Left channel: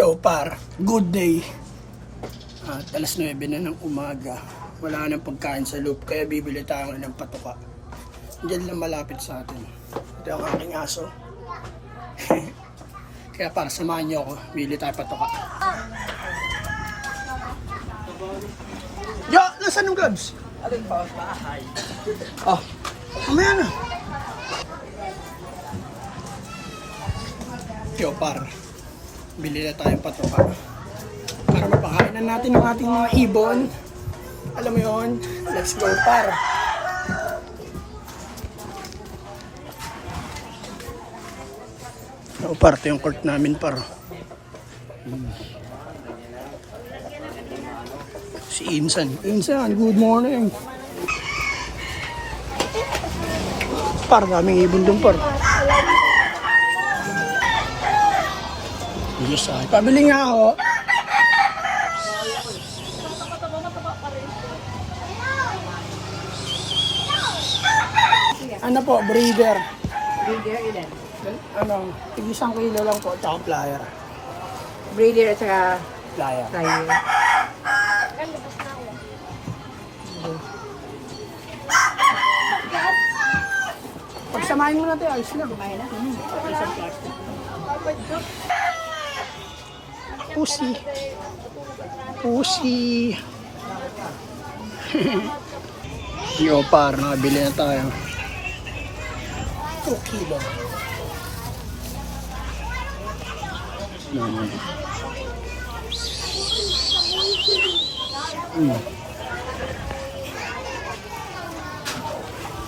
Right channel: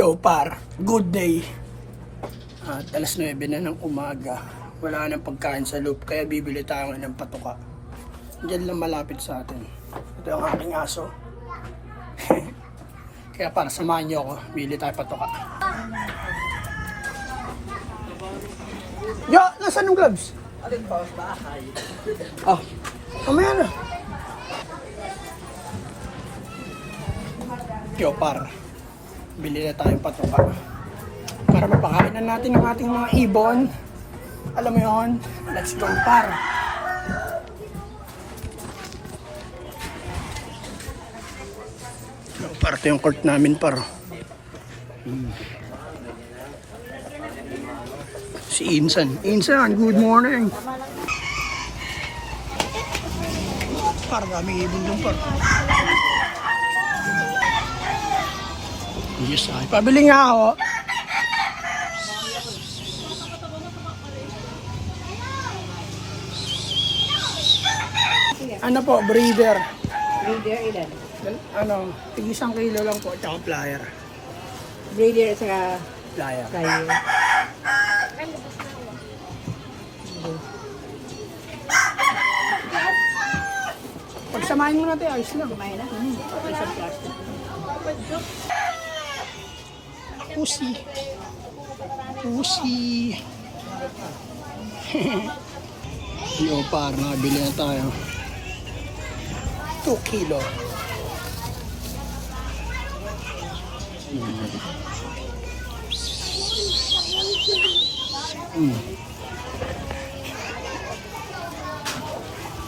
Yo par, good day. At alas 9 na ng umaga. Wala nang pagkain sa loop, kaya bibili tayo ng patuka. Diyan lang malapit sa atin. Ito ang aking aso. Kaya para samahan niyo ako, bili tayo patuka. Yo, nasaan yung gloves? Alin pa sa bahay? Oh, mamaya na. Yo par, bili na tayong patuka para mapakain na natin ang ating mga ibon. Alam mo yun, let's go par. Yo par, ito yung court namin par. Si Insan, good morning. Par, daming ibon dun par. Yes, ay. Pabili nga ako. Ano po, breeder? Breeder ilan? Ano, tig-1 kilo lang po, tsaka flyer. Breeder at saka Flyer. flyer. Pagsamahin mo natin, ayos lang. Kumain na? Isang plastic. Pussy. Pussy. Yo par, nakabili na tayo. 2 kilo.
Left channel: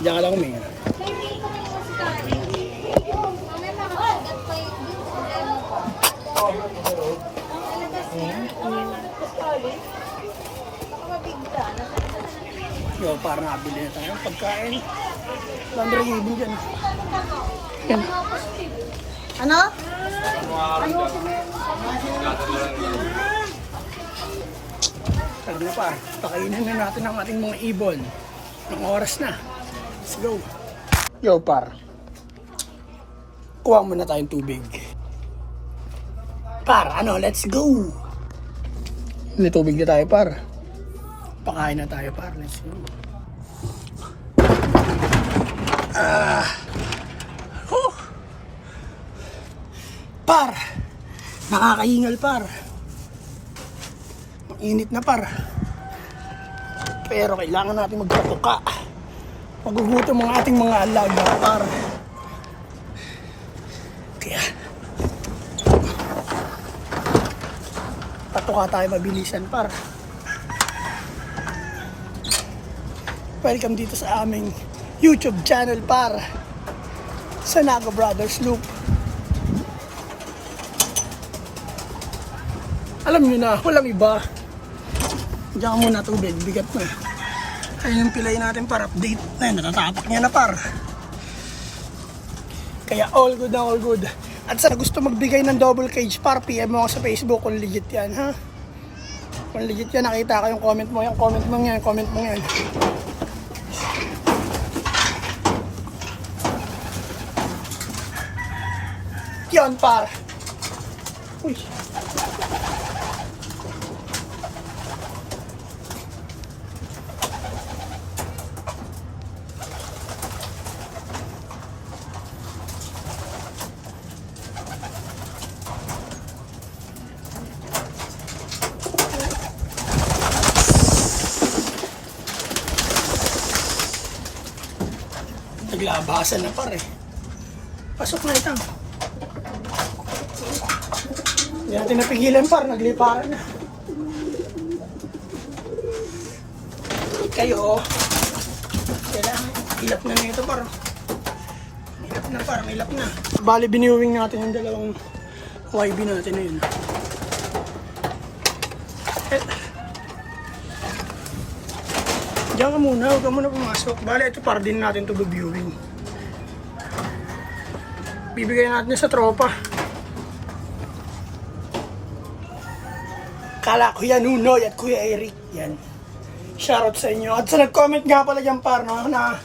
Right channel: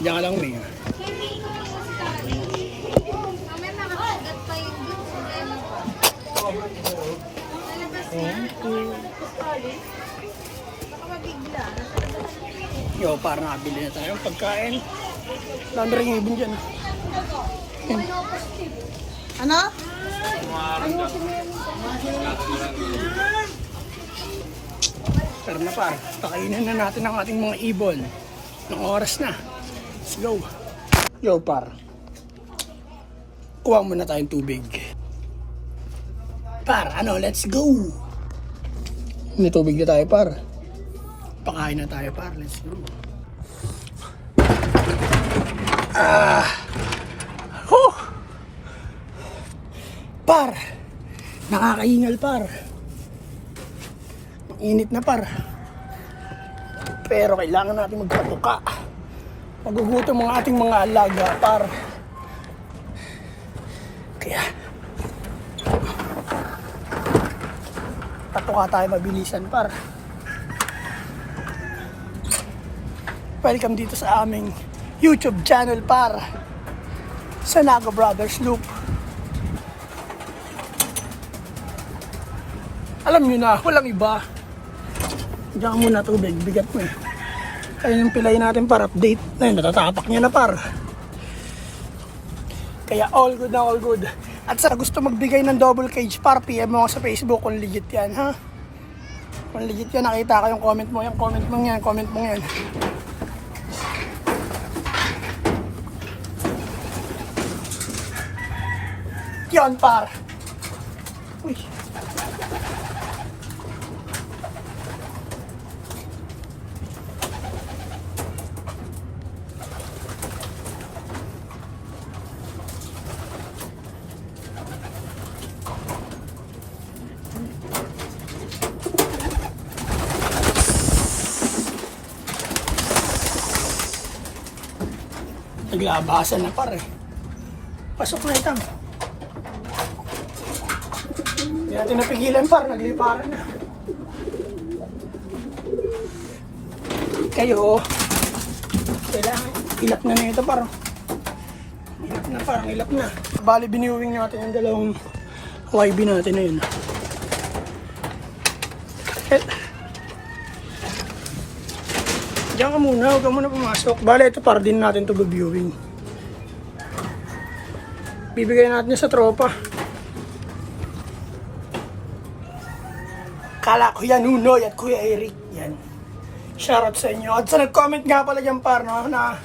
Diyan ka lang huminga. Yo, para nakabili na tayo ng pagkain. Dami rin ibon dyan. Yan. Ano? Tara na par, pakainin na natin ang ating mga ibon. Ng oras na. Let's go. Yo par, kuha muna tayong tubig. Par, ano, let's go. May tubig na tayo par. Pakain na tayo par, let's go. Par, nakakaingal par. Init na par. Pero kailangan natin magpatuka. Magugutom ang ating mga alaga par. Kaya patuka tayo mabilisan par. Welcome dito sa aming YouTube channel par. Sanago Brothers Loop. Alam nyo na, walang iba. Diyan ka muna tubig, bigat mo eh. Ayun yung pilay natin para update. Ayun, natatapak niya na par. Kaya all good na all good. At sa gusto magbigay ng double cage par, PM mo ako sa Facebook kung legit yan ha. Kung legit yan, nakita ko yung comment mo yan, comment mo yan. Yan par. Uy. Naglabasan na par eh. Pasok na itang. Hindi natin napigilan par, nagliparan na. Kayo, kailangan ilap na ito par. Ilap na par, may ilap na. Bali biniwing natin yung dalawang YB natin na yun. Diyan ka muna, huwag ka muna pumasok. Bale, ito para din natin ito viewing. Bibigay natin sa tropa. Kala ko yan, Nunoy at Kuya Eric. Yan. Shoutout sa inyo. At sa nag-comment nga pala dyan par, no, na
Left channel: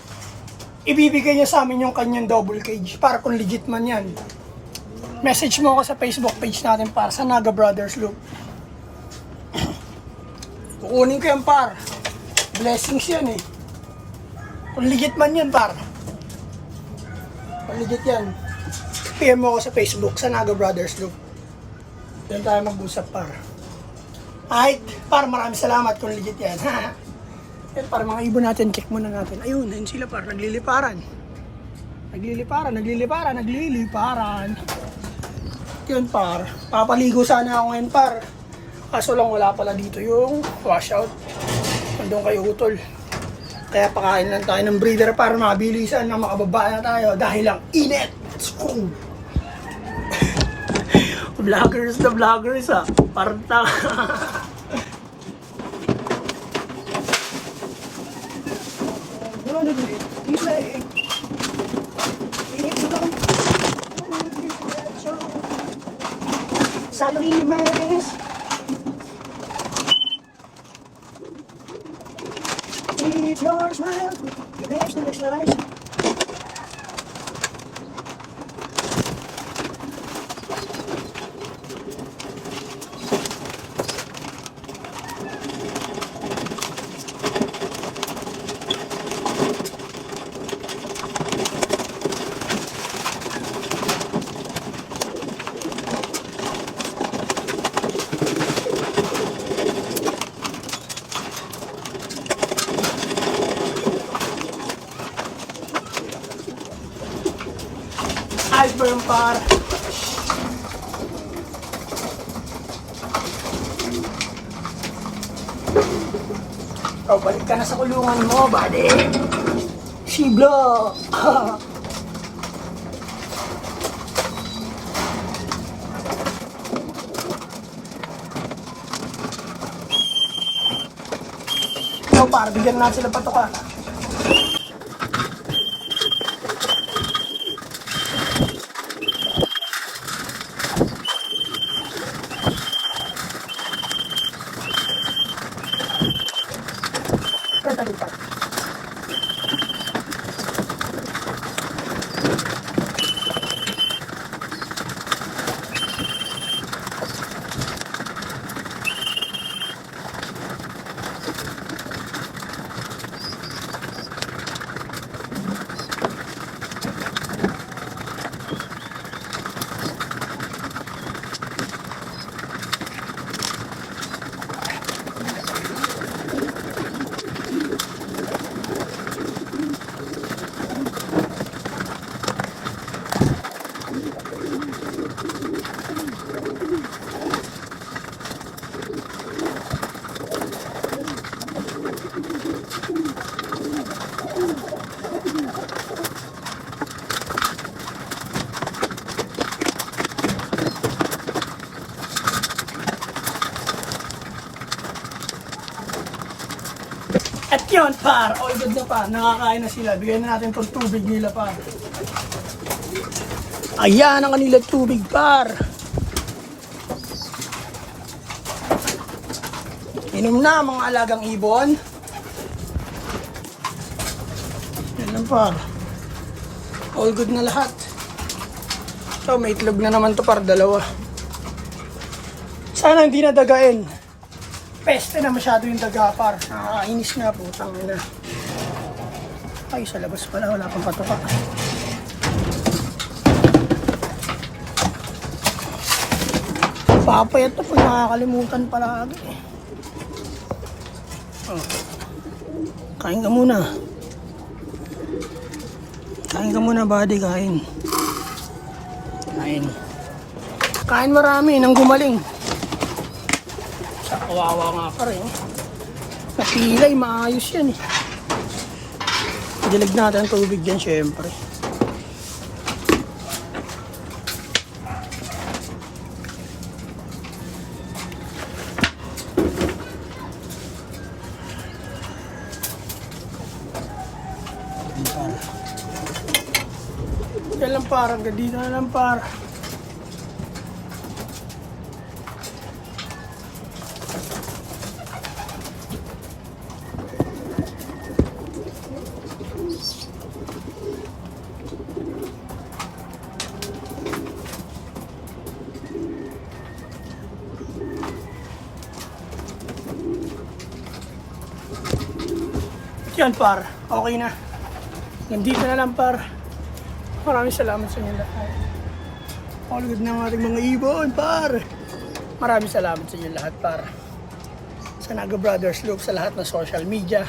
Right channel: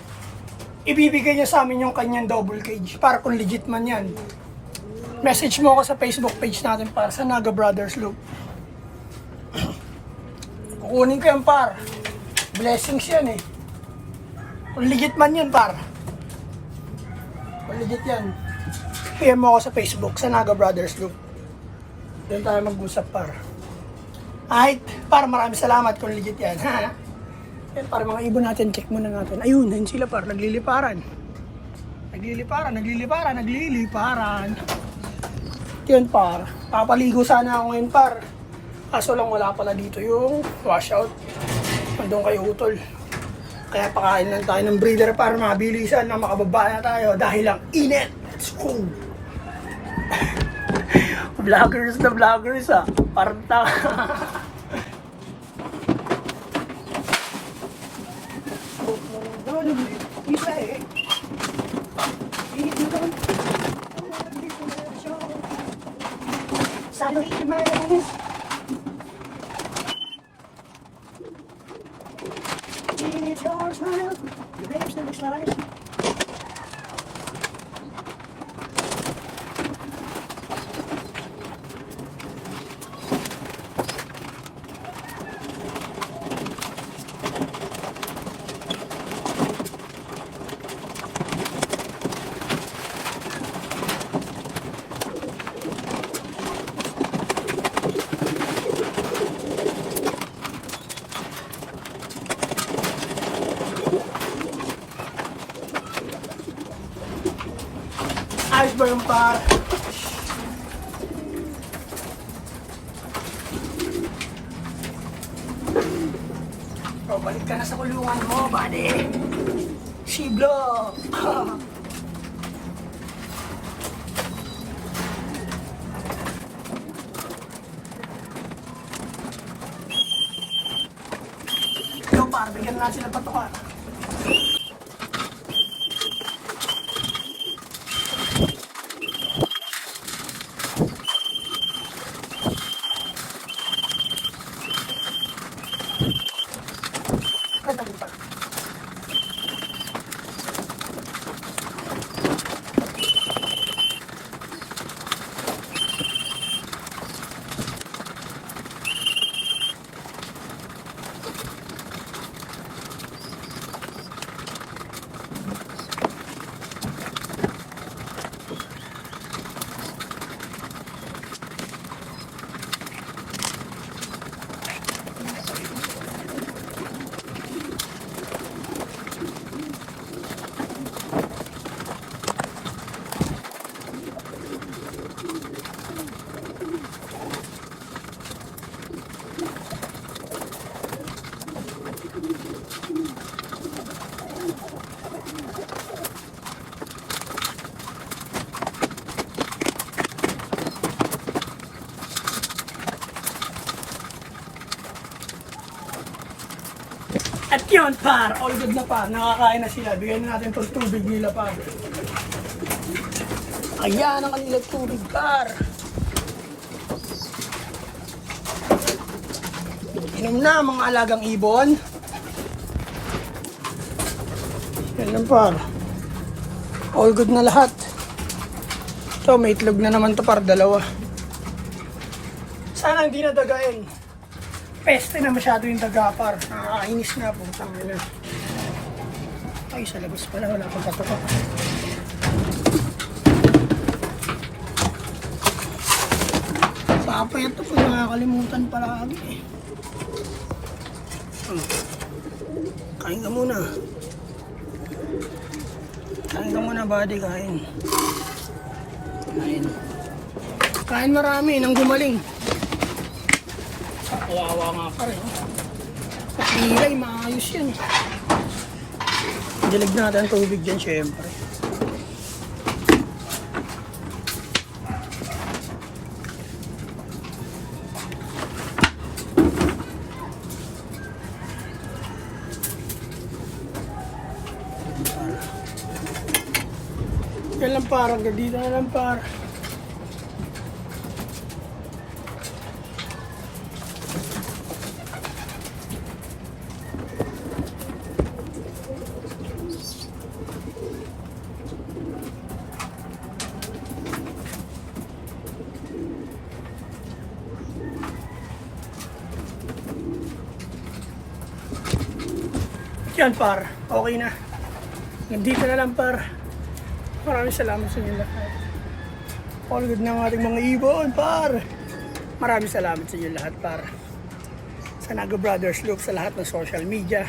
ibibigay niya sa amin yung kanyang double cage. Para kung legit man yan. Message mo ako sa Facebook page natin par, sa Naga Brothers Loop. Kukunin ko yan par. Blessings yan eh. Kung legit man yan par. Kung legit yan. PM mo ako sa Facebook, sa Naga Brothers Loop. Doon tayo mag-usap par. Ay, par, maraming salamat kung legit yan. Yan par, mga ibon natin, check muna natin. Ayun, yun sila par, nagliliparan. Nagliliparan. Yun par, papaligo sana ako ngayon par. Kaso lang wala pala dito yung washout. Nandun kay Utol. Kaya pakain lang tayo ng breeder para mabilisan na makababa na tayo dahil lang init. Let's go. Vloggers na vloggers ah. Parang Salimas. It's your smile. Your lips and it's nice. Ayos ba yung par? Oh, balik ka na sa kulungan mo, buddy. Shiblo. Ikaw par, bigyan natin sila patuka. At yun par, all good na par, nakakain na sila. Bigyan na natin itong tubig nila par. Ayan ang kanilang tubig par. Inom na mga alagang ibon. Yan lang par. All good na lahat. Ito may itlog na naman to par, dalawa. Sana hindi na dagain. Peste na masyado yung daga par. Nakakainis nga po, tangin na. Ay, sa labas pala, wala pang patuka. Papayat na pag nakakalimutan pala agad eh. Oh. Kain ka muna. Kain ka muna, buddy, kain. Kain. Kain marami, nang gumaling. Kawawa nga pa rin. Napilay, maayos yan eh. Dilig natin ang tubig dyan syempre. Yan lang parang, dito na lang parang. Yan par, okay na. Nandito na lang par. Maraming salamat sa inyo lahat. All good ng ating mga ibon par. Maraming salamat sa inyo lahat par. Sa Naga Brothers Loop, sa lahat ng social media,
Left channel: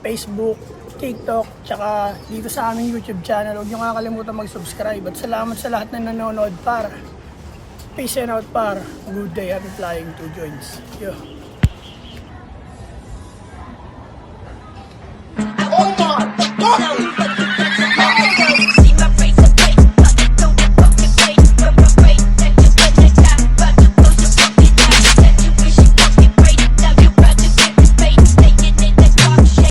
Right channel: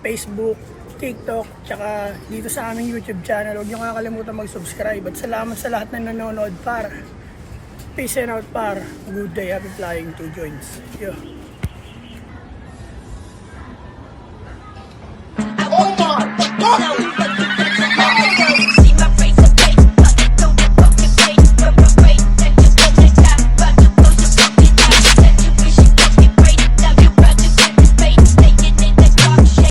Facebook, TikTok, tsaka dito sa aming YouTube channel. Huwag niyo kakalimutan mag-subscribe. At salamat sa lahat na nanonood par. Peace and out par. Good day, happy flying, 2 joints. Yo. Oh my God!